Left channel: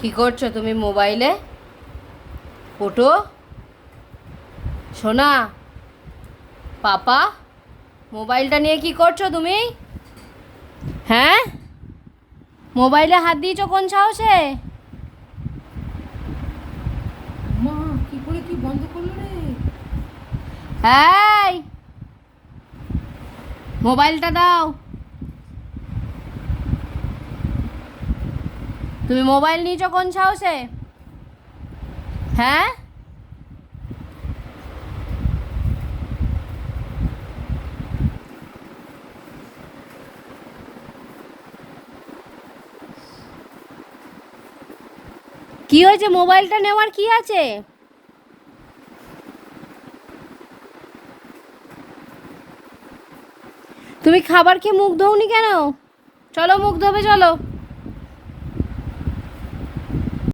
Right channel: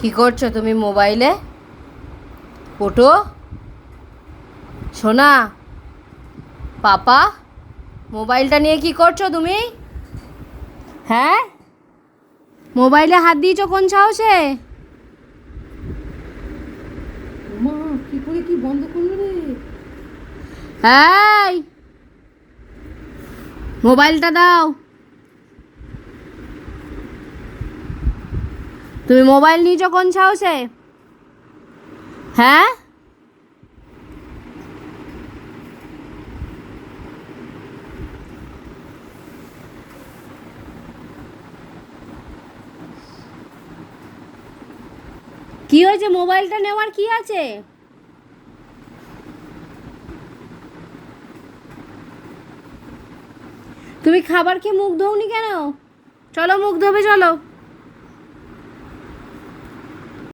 কি করছো তুমি মোবাইলে? ওঠো, সোনা। পাপা, মোবাইলটা নিয়ে কি করছো তুমি? হ্যাঁ, মোবাইলে হাত দিয়েছো কোন সাহসে? কি করে তুই বন্ধ করলো রে? হ্যাঁ, মোবাইলটা দাও। তুমি মোবাইল নিয়েছো কোন সাহসে? হ্যাঁ, কি হয়েছে? মোবাইলটা নেওয়ার কি আছে? তুমি খাবার খেয়ে মুখ ধোওনি কেন? চলো মুখ ধোবে, চলো।